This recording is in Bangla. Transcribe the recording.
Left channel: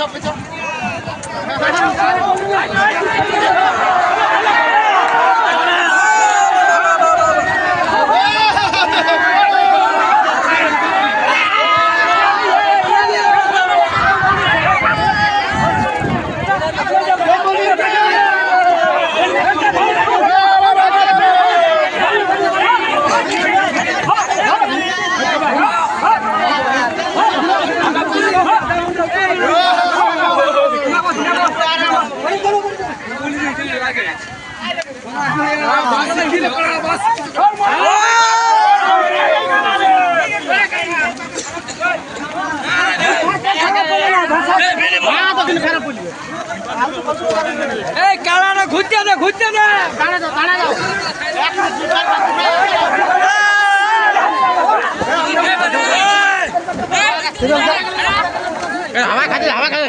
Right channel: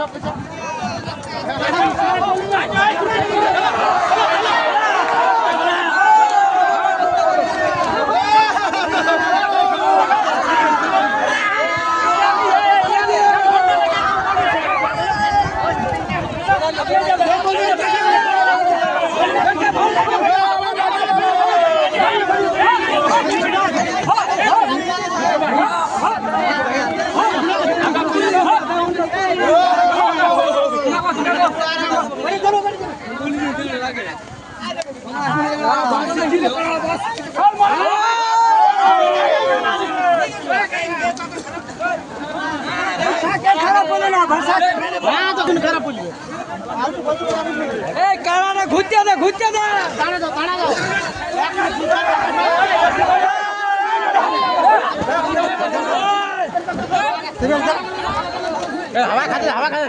chụp, chụp. ঘুরতে দে ঘুরতে দে ঠিক আছে হাওয়া খাচ্ছে হাওয়া খাচ্ছে